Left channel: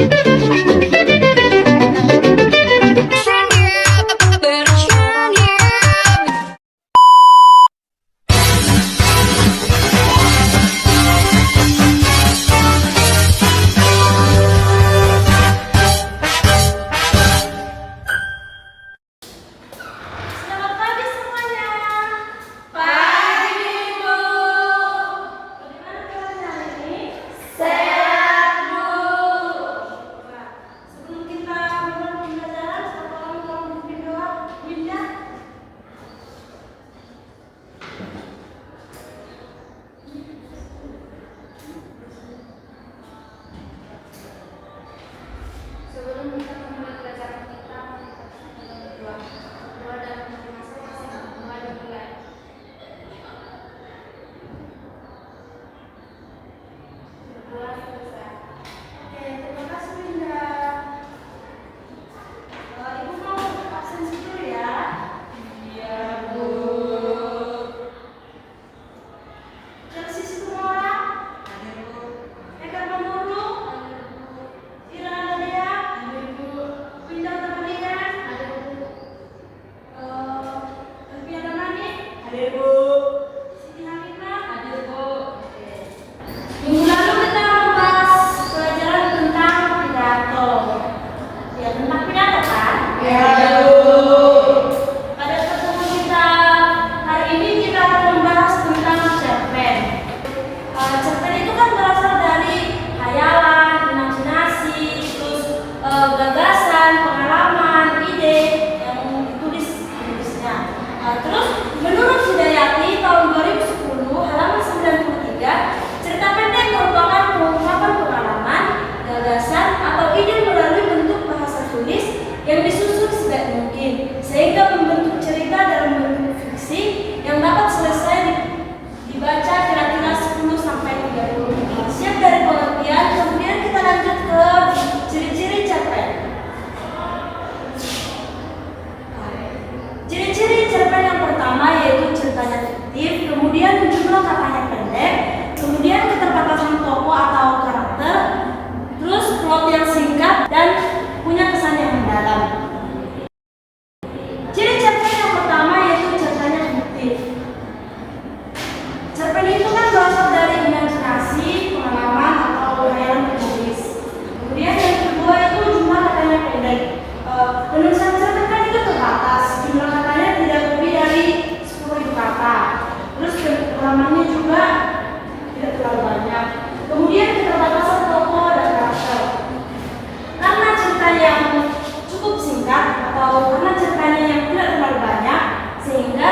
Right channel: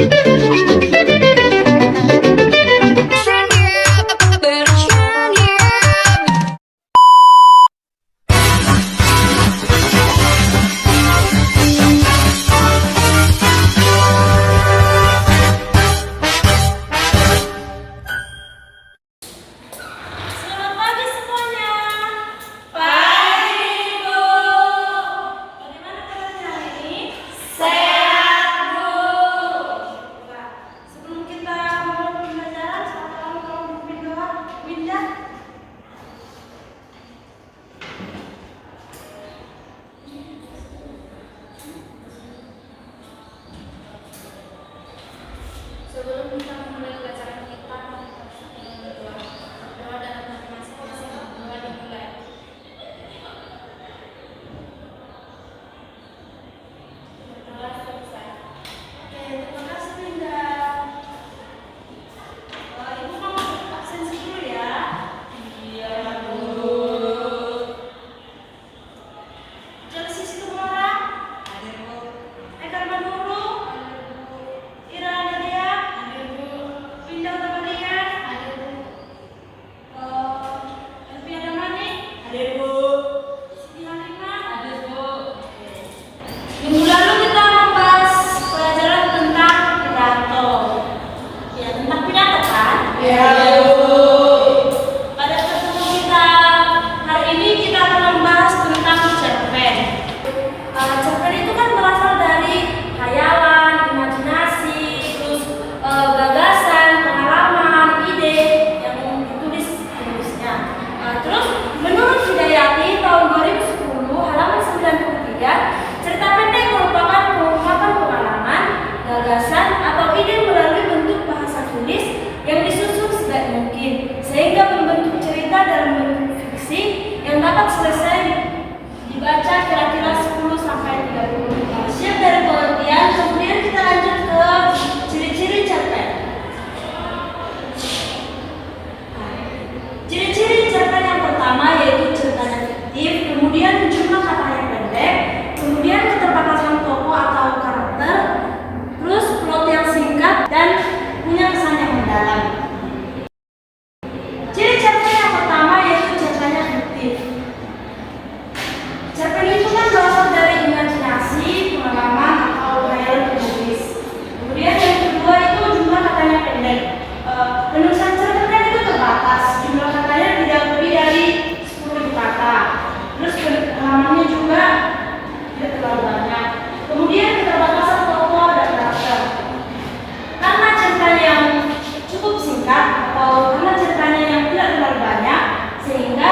Selamat pagi semuanya. Pagi, Bu. Bagaimana kabarnya hari ini? Sehat, Bu. Nah, sebelum kita mulai pembelajaran, tolong pimpin doa. Winda. Sebelum kita memulai pelajaran kita, kita harus berdoa. Doa dalam hati masing-masing. Doa dimulai. Doa selesai. Oke, terima kasih Linda. Ibu mau absensi dulu ya. Iya, Bu. Chelsea Situmorang. Ada, Bu. Eka Manduru. Ada, Bu. Ira Nadia. Ada, Bu. Winda Tabalian. Ada, Bu. Elvia Damani. Ada, Bu. Siti Halimah. Ada, Bu. Minggu lalu kita membahas pelajaran tentang pidato. Ya, tentang pidato kan? Iya, Bu. Pada pertemuan kita hari ini kita akan membahas tentang cerpen. Cerpen itu kan berasal dari khayalan, imajinasi, terus gagasan, pengalaman, ide yang ditulis penulisnya. Terus menurut Hidayati tahun 2010 halaman 93, cerita pendek merupakan pengungkapan pengalaman, gagasan atau ide melalui bentuk bahasa tulis yang disusun sebaik mungkin sehingga membentuk cerita dalam bentuk fiksi yang dapat selesai dibaca kira-kira 10 sampai 30 menit. Siap dari pengertian, kemudian kita lanjut ke ciri-ciri cerpen. Ciri-ciri cerpen yang pertama yaitu ceritanya fiktif, kemudian jumlah katanya pendek, kemudian keterbatasan tokoh atau karakter, terus plot yang singkat dan punya kesan yang mendalam. Ciri cerpen yang pertama yaitu ceritanya fiktif. Cerpen itu kan berasal dari imajinasi, pengalaman atau khayalan penulis. Kemudian yang kedua itu jumlah katanya pendek. Penulisan cerpen kan itu terbatas, jumlah katanya tidak lebih dari 10.000 kata. Terus halamannya juga tidak terlalu banyak. Kemudian keterbatasan tokoh dan karakter. Karena ceritanya yang cukup singkat atau karena ceritanya yang tidak terlalu banyak, sehingga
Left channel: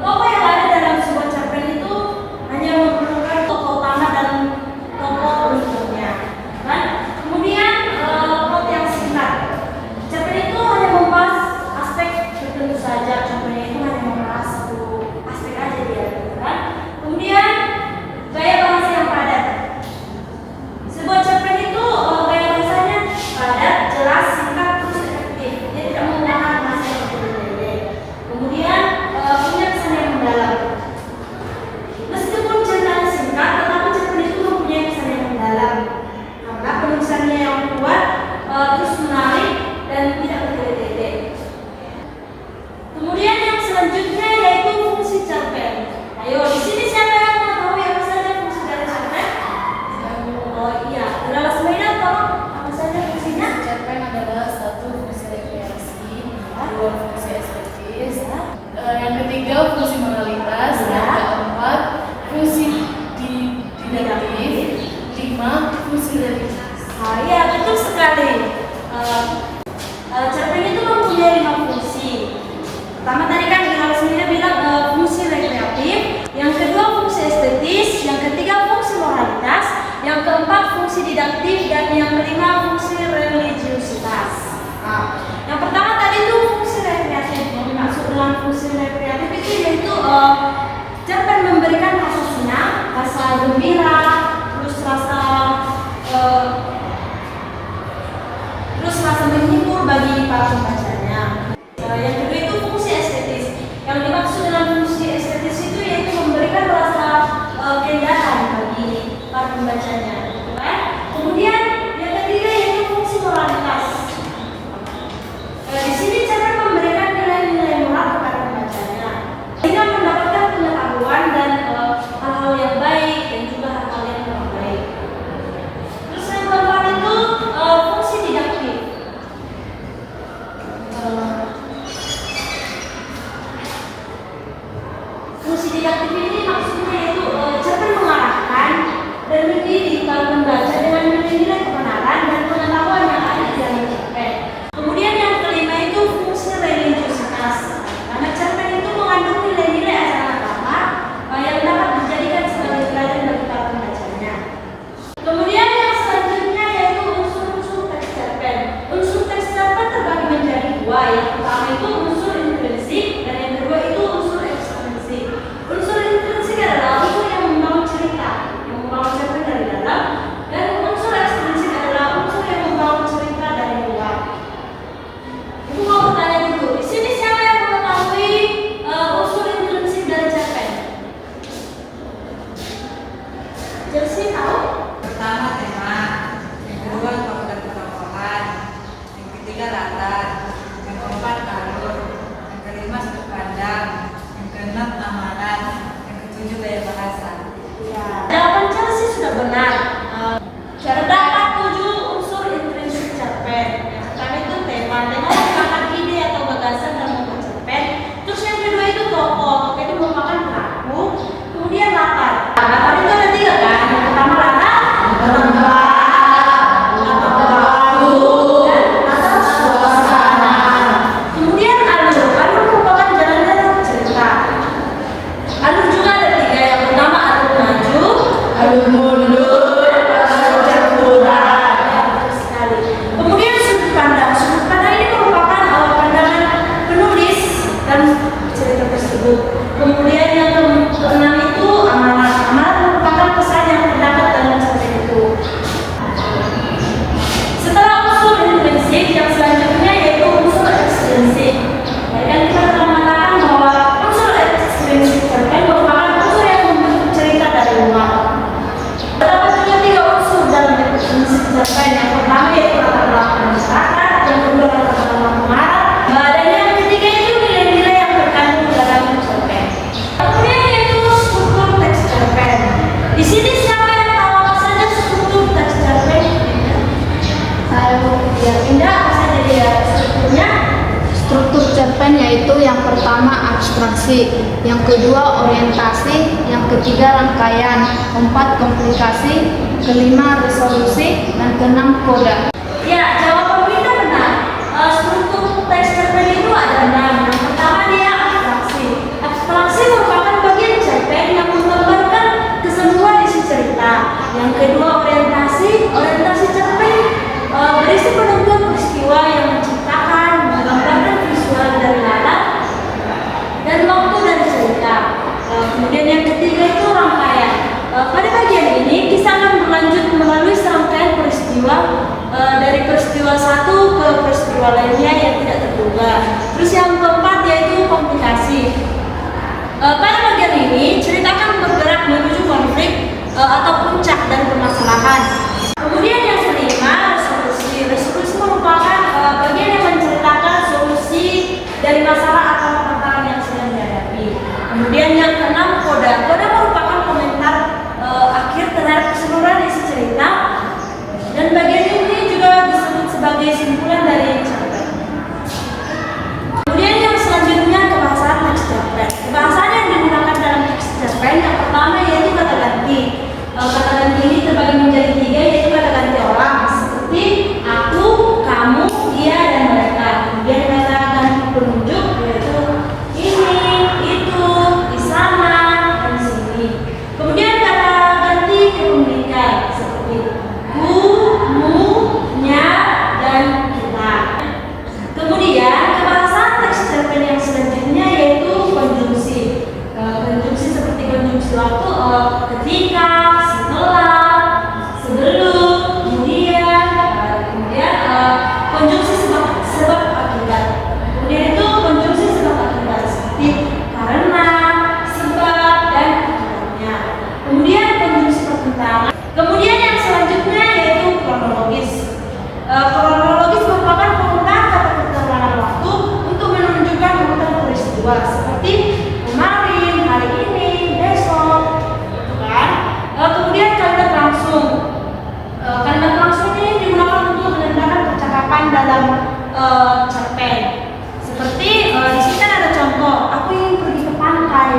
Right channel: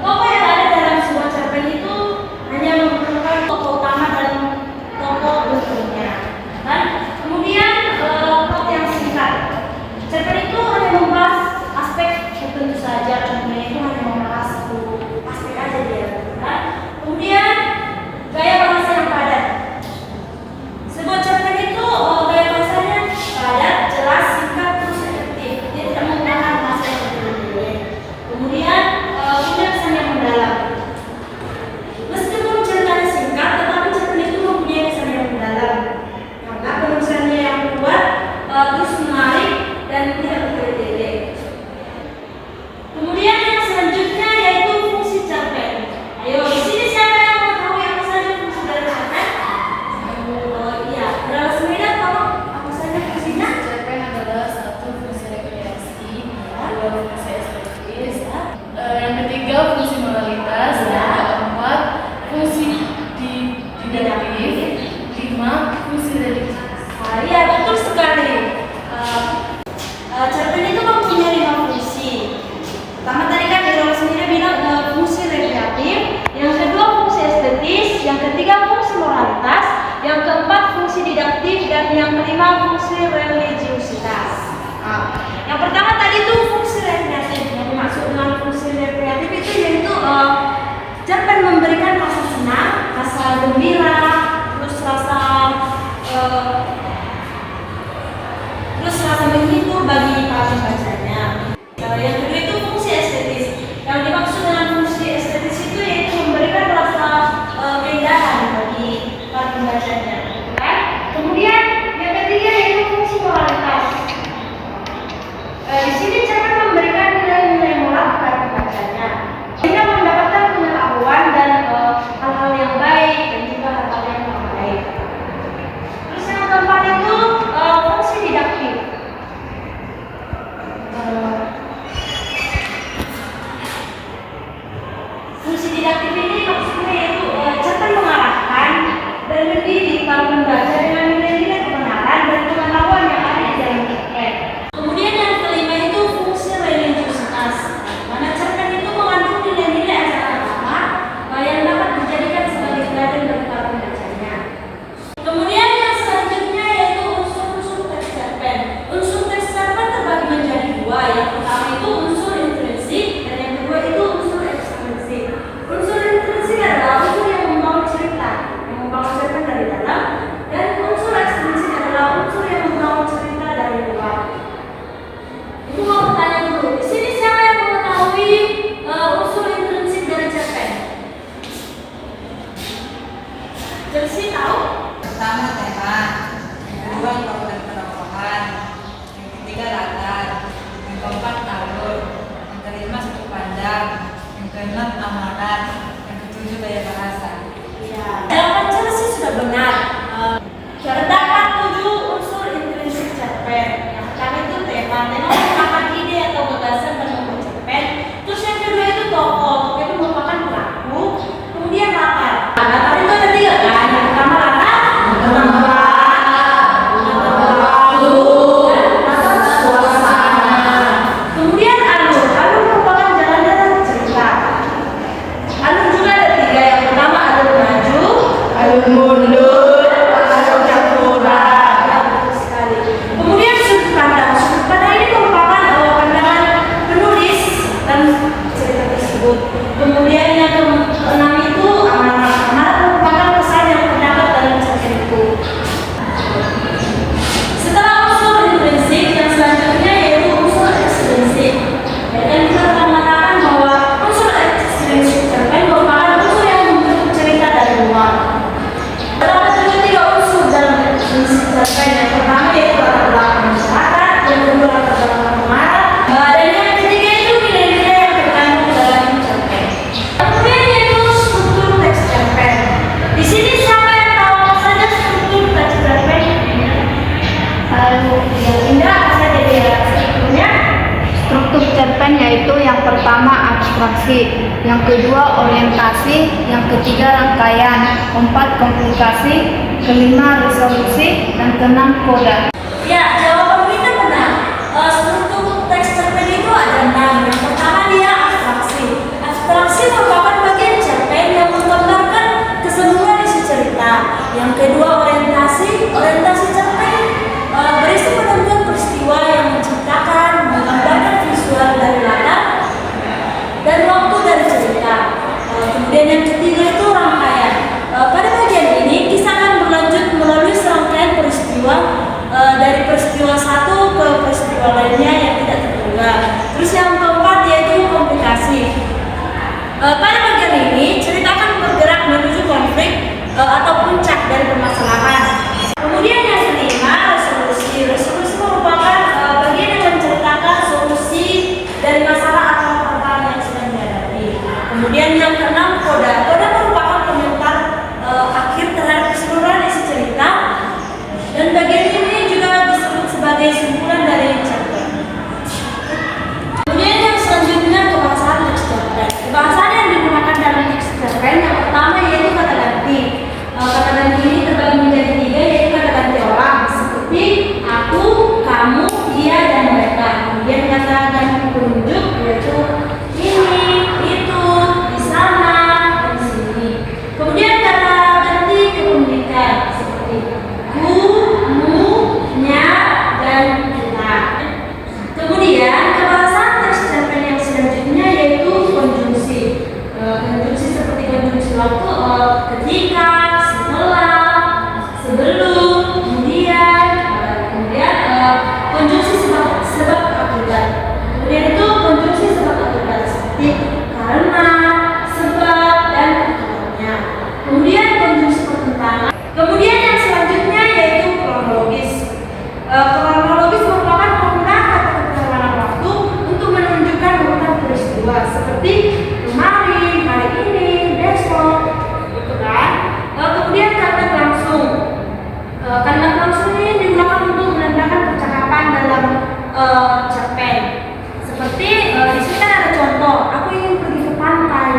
tokoh yang ada dalam sebuah cerpen itu hanya memerlukan tokoh utama dan tokoh bentuknya. Dan kemudian plot yang singkat. Cerpen itu hanya membahas aspek tertentu saja, contohnya itu hanya membahas satu aspek aja dia, kan? Kemudian gaya bahasa yang padat. Sebuah cerpen itu gaya bahasanya padat, jelas, singkat, terus efektif. Dia tidak menggunakan bahasa yang berlebihan. Kemudian punya kesan yang mendalam. Meskipun ceritanya singkat, tetapi cerpen itu mempunyai kesan yang mendalam karena penulisannya yang kuat, terus menarik dan tidak bertele-tele. Kemudian yang selanjutnya yaitu fungsi cerpen. Ayo, di sini siapa yang mengetahui apa saja fungsi dari cerpen? Oh iya, Adalah Semeda tolong apa saja fungsinya? Cerpen adalah satu fungsi rekreasi, dua fungsi estetis, yang ketiga fungsi moralitas, yang keempat fungsi didaktif, lima fungsi religius. Iya, betul sekali. Cerpen itu mempunyai 5 fungsi. Pertama tadi kan Adalah Semeda bilang fungsi rekreatif, yang kedua fungsi estetis, yang ketiga fungsi moralitas, yang keempat fungsi didaktif, dan yang kelima fungsi religiusitas. Yang pertama tadi itu fungsi rekreatif. Yang dimaksud dengan fungsi rekreatif itu yaitu cerpen memberikan rasa senang, rasa gembira, terus rasa menghibur bagi para pembacanya. Yang kedua itu fungsi estetis. Yang dimaksud dengan fungsi estetis itu yaitu memberikan rasa keindahan bagi para pembacanya, kan? Kemudian yang ketiga keempat itu fungsi didaktif. Fungsi didaktif ini maksudnya yaitu cerpen mengarahkan dan mendidik para pembaca dengan nilai-nilai kebenaran dan pengetahuan yang ada di dalam cerpen. Kemudian yang kelima itu fungsi religiusitas. Karena cerpen itu mengandung nilai-nilai ajaran agama yang dapat dijadikan sebagai teladan bagi para pembacanya. Kemudian yang selanjutnya yaitu unsur-unsur teks cerpen. Unsur teks cerpen terbagi menjadi dua. Yang pertama itu unsur intrinsik dan yang kedua itu unsur ekstrinsik. Unsur intrinsik adalah unsur yang membangun cerita, yang membangun cerpen dari dalam, dan unsur ekstrinsik adalah unsur yang membangun cerita dari luar. Ibu mau bertanya dulu, di sini siapa yang mengetahui unsur intrinsik dari cerpen? Chelsea tahu? Pertama tema, yang kedua tokoh dan perokohan, yang ketiga latar, yang keempat alur, yang kelima sudut pandang, yang keenam amalan, yang ketujuh gaya bahasa. Ya. Jawaban Chelsea sudah benar. Terdapat 7 unsur intrinsik cerpen. Yang pertama itu tema. Tema merupakan ide atau gagasan dalam membuat cerpen. Terus yang kedua itu tokoh. Tokoh itu merupakan pelaku. Kemudian latar. Latar itu ada 3 kan. Yang pertama latar, tempat, waktu, dan latar suasana. Kemudian alur. Alur merupakan jalan-jalan cerita. Alur juga ada 3. Yang pertama alur maju, alur mundur, alur campuran. Bagus sekali. Kemudian sudut pandang. Sudut pandang ini merupakan pandangan penulis dan cerita tersebut. Kemudian yang keenam itu amalan. Amalan merupakan pesan yang terdapat dalam cerita itu. Setelah unsur intrinsik, yang selanjutnya yaitu unsur ekstrinsik. Dan kita telah mengatakan bahwa unsur ekstrinsik cerpen merupakan unsur yang membentuk cerita dari luar. Terdapat juga 3 unsur dalam ekstrinsik cerpen. Yang pertama yaitu latar belakang masyarakat, yang kedua latar belakang pengarang, dan yang ketiga itu nilai-nilai yang terkandung dalam cerpen. Kemudian yaitu struktur teks cerpen. Di sini siapa yang tahu apa saja struktur teks cerpen? Yang indah apa saja dia strukturnya? Struktur cerpen yaitu yang pertama abstraksi, yang kedua orientasi, yang ketiga rangkaian, keempat komplikasi, kelima resolusi, dan keenam koda. Ya, jawaban kita benar. Struktur teks cerpen itu ada 6. Yang pertama dia abstraksi. Abstraksi merupakan bagian cerpen yang menggambarkan keseluruhan isi cerita. Yang kedua orientasi. Orientasi cerpen berisi penunjukan peristiwa yang menciptakan, menggambarkan visual dari latar dan waktu dari cerita. Kemudian yang ketiga itu rangkaian. Pada bagian ini kisah akan berlanjut melalui serangkaian peristiwa dari peristiwa satu ke peristiwa lainnya yang tidak terduga. Terus yang keempat yaitu komplikasi. Pada bagian ini cerita akan bergerak menuju konflik atau puncak dari permasalahan. Kemudian yang kelima resolusi. Resolusi merupakan bagian yang menceritakan solusi dari masalah atau permasalahan yang sedang dihadapi. Kemudian yang keenam koda. Koda merupakan komentar akhir terhadap keseluruhan isi cerita. Dan bagian ini juga disebut sebagai simpulan dari cerpen. Kemudian yang selanjutnya kebahasaan teks cerpen. Kebahasaan yang digunakan dalam teks cerpen yang pertama yaitu kata ganti. Kata ganti ini terbagi menjadi 3 yaitu kata ganti orang seperti aku, kamu, dia, dan mereka. Kemudian kata ganti penunjuk yaitu ini, itu, di sana, dan sini. Kemudian kata ganti kepemilikan seperti ku, mu, nya, dan dalam cerpen. Seperti di sini kan ada contoh, aku ingin pergi ke pantai.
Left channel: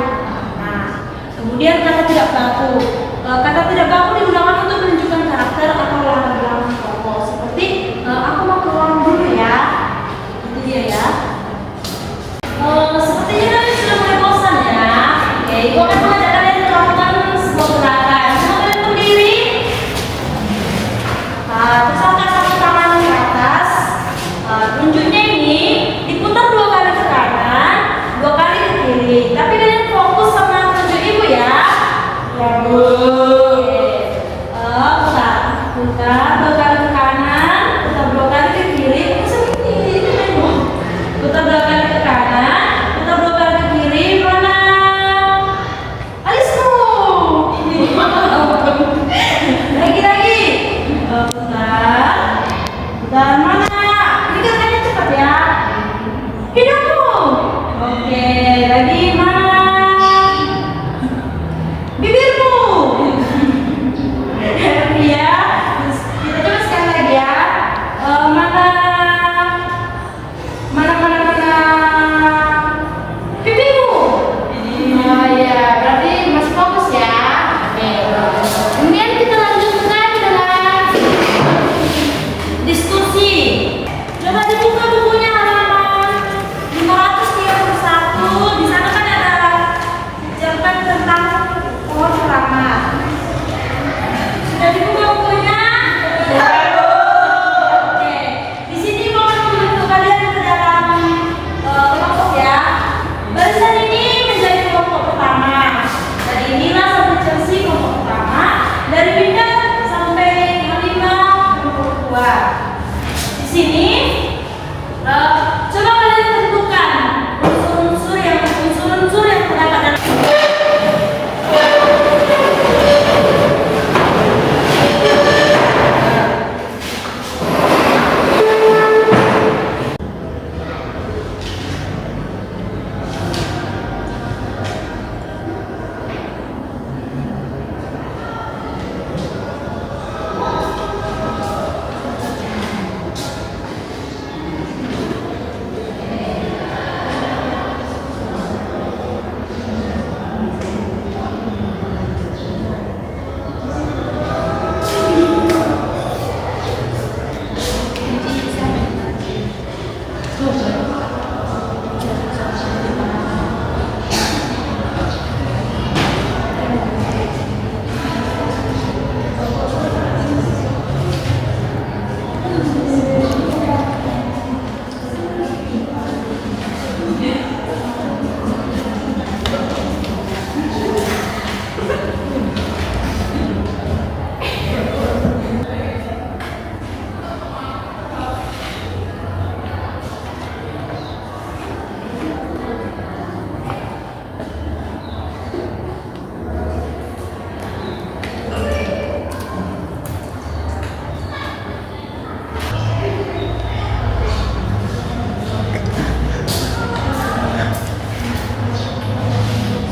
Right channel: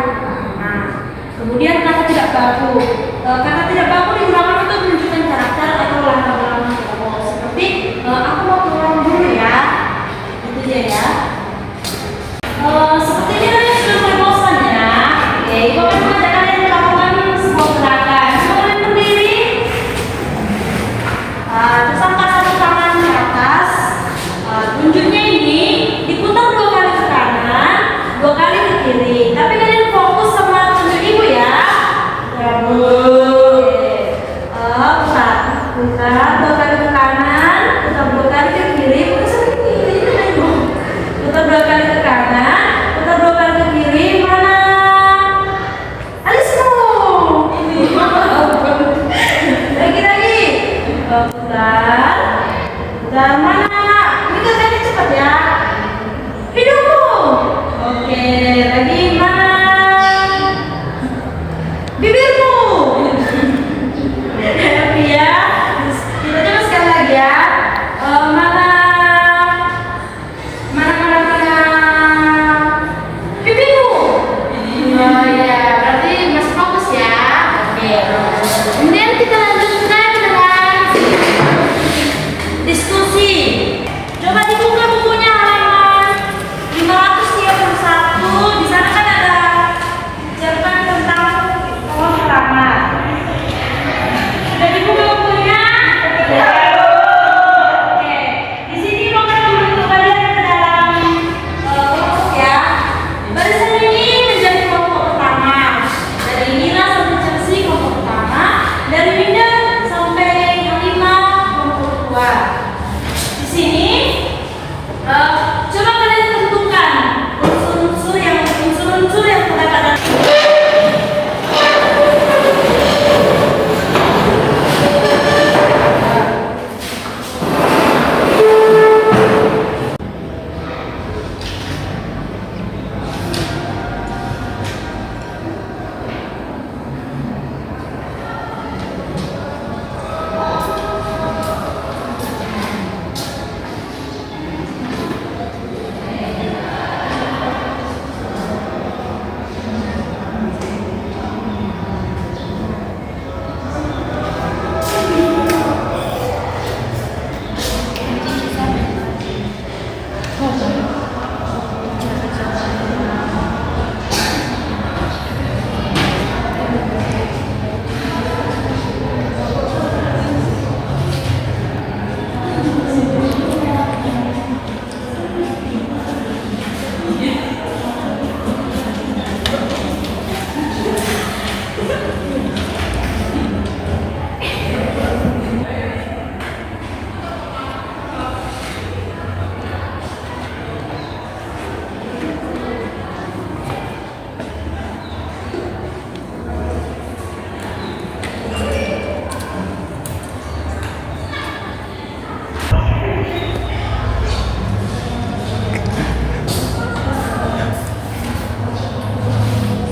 Nah, kemudian kata tidak baku. Kata tidak baku digunakan untuk menunjukkan karakter atau latar belakang tokoh. Seperti aku mau keluar dulu ya. Itu dia ya. Sepertinya kalian sudah mulai bosan ya. Oke, gue akan mengajak kalian melakukan sebuah gerakan. Coba kalian berdiri. Terus angkat satu tangan ke atas. Tunjuknya ini diputar 2 kali ke kanan, 2 kali ke kiri. Tapi kalian fokus sama tunjuk ibu ya. Oke. Putar 2 kali ke kanan, putar 2 kali ke kiri. Putar 2 kali ke kanan, putar 2 kali ke kiri. Mana? Alismu. Ini. Lagi. Putar mana? Ini katanya cepat ya. Hidungmu. Oke, lagi mana? Bibirmu. Happy ya. Terus kita coba sekali lagi ya. Mana? Bibirmu. Oh ya, berarti masih fokus ya. Oke. Kemudian kita lanjutkan dengan diskusi. Coba dibuka bukunya halaman 531. Di sana kan ada cerpen tentang pohon keramat. Sudah dibuka bukunya? Oke. Di sini mau membentuk kalian ke dalam kelompok ya. Barisan ini menjadi kelompok pertama. Dari inilah sampai Chelsea kelompok pertama. Dari Winda sampai Halimah kelompok kedua. Di sini coba kalian tentukan unsur-unsur yang terdapat.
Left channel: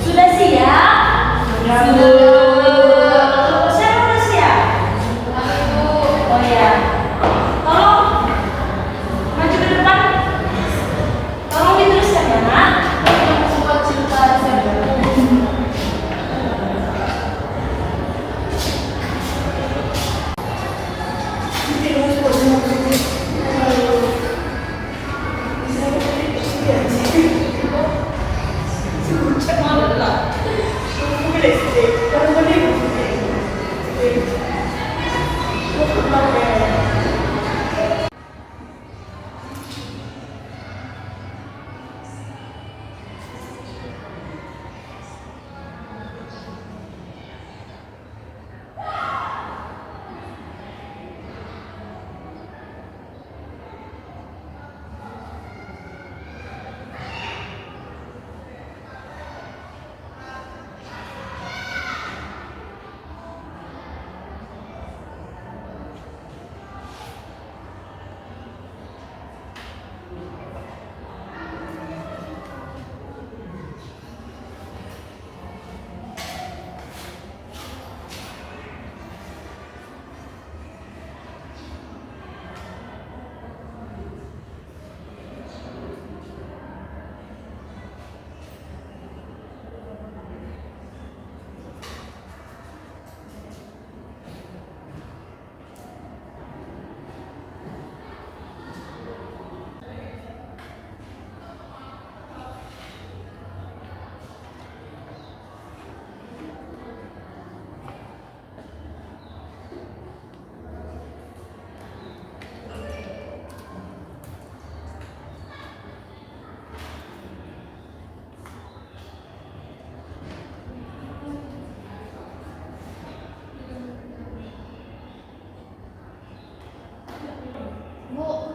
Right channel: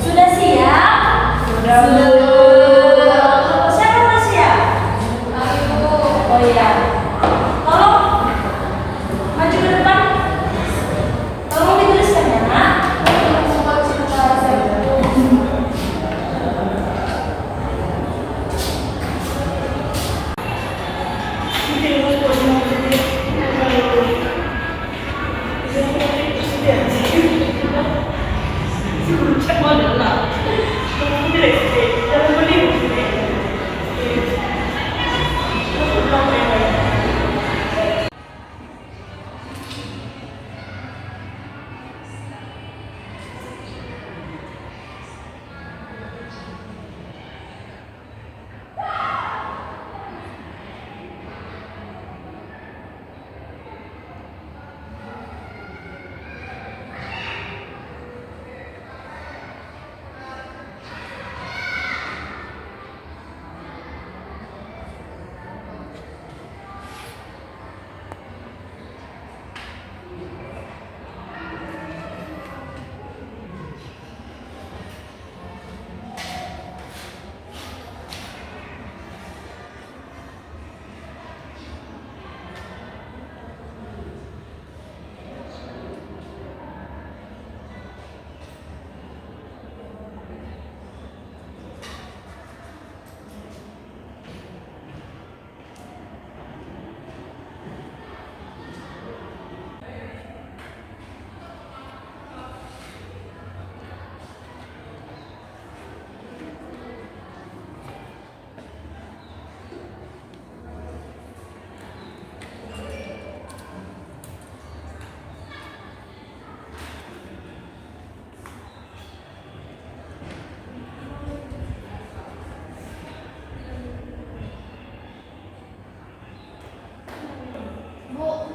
Sudah siap? Siapa sudah siap? Oh ya. Tolong maju ke depan. Tolong dituliskan ya, Nak.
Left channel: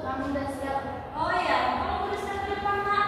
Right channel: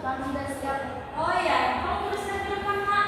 Kami sudah siap. Oh ya, kamu tuliskan di depan, Mak.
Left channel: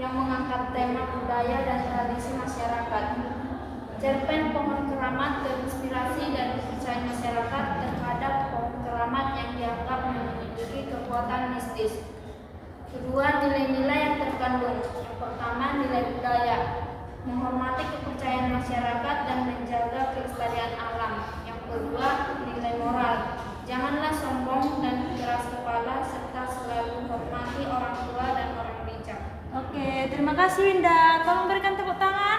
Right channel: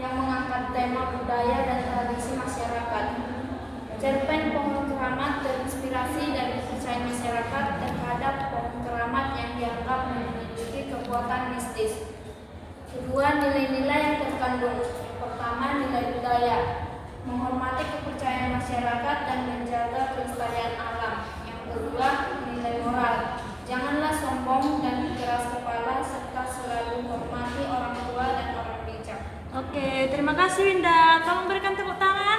yang mengangkat tema budaya dan tradisi masyarakat. Cerpen Pohon Keramat terinspirasi dari kepercayaan masyarakat terhadap pohon keramat yang dianggap memiliki kekuatan mistis. Kedua, nilai-nilai yang terkandung. Yang pertama, nilai budaya, menghormati kepercayaan masyarakat dan menjaga kelestarian alam. Yang kedua, nilai moral, janganlah sombong dan keras kepala serta selalu hormati orang tua dan orang bijak. Oke, terima kasih Winda. Tolong berikan tepuk tangan.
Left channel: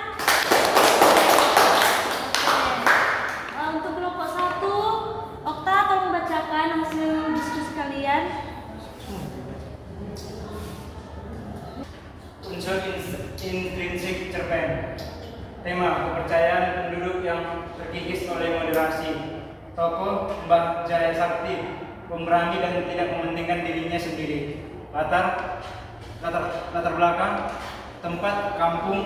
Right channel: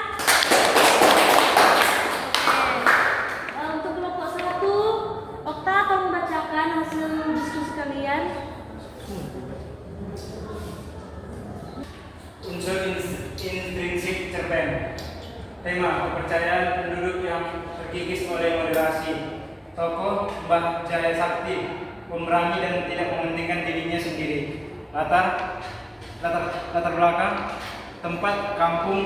Untuk kelompok 1, Okta tolong bacakan hasil diskusi kalian. Unsur intrinsik cerpen. Tema kepercayaan penduduk yang terkikis oleh moderasi. Tokoh Mbah Jaya Sakti, pemberani dan tidak mementingkan dirinya sendiri. Latar belakang tempat kampung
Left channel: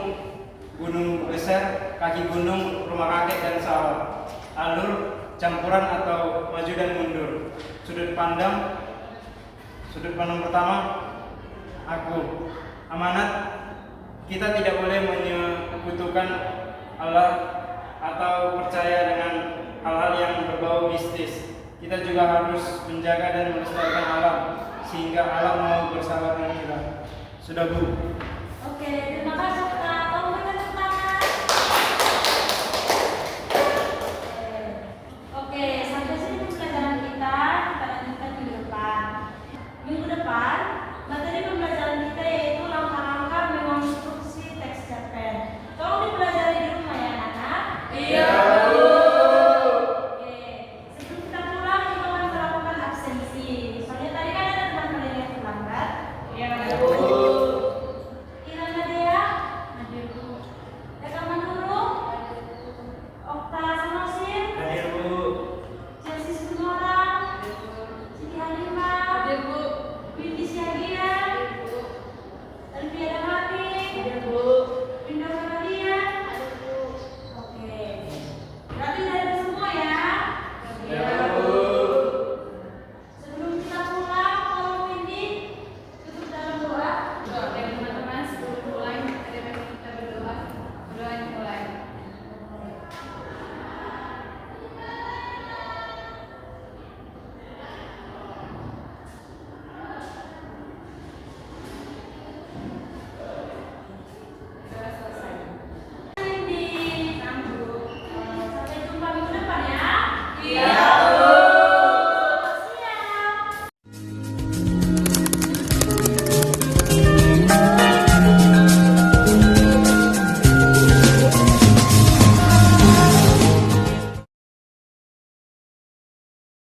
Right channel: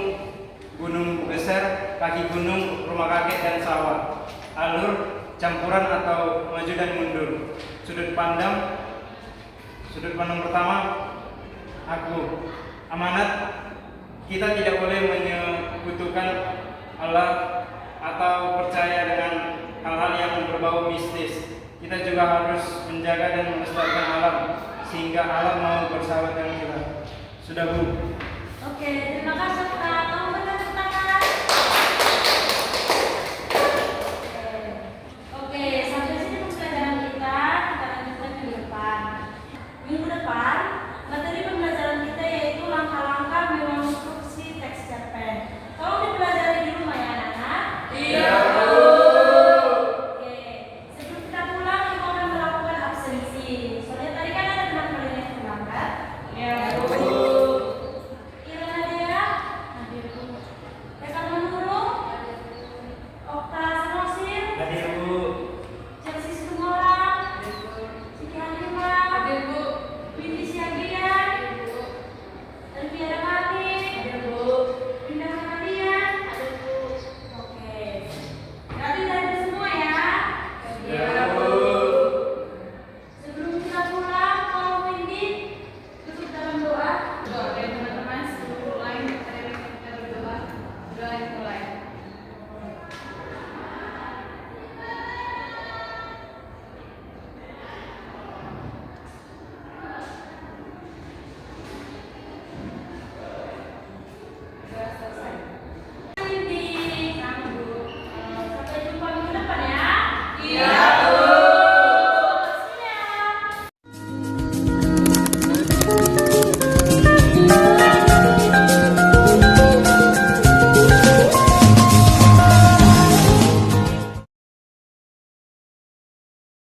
Gunung Geser, kaki gunung, rumah kakek dan sawah. Alur campuran atau maju dan mundur. Sudut pandang pertama, aku. Amanat, kita tidak boleh menyekutukan Allah atau percaya dengan hal-hal yang berbau mistis. Kita juga harus menjaga dan melestarikan alam sehingga alam mau bersahabat dengan kita. Sudah, Bu? Oke, terima kasih.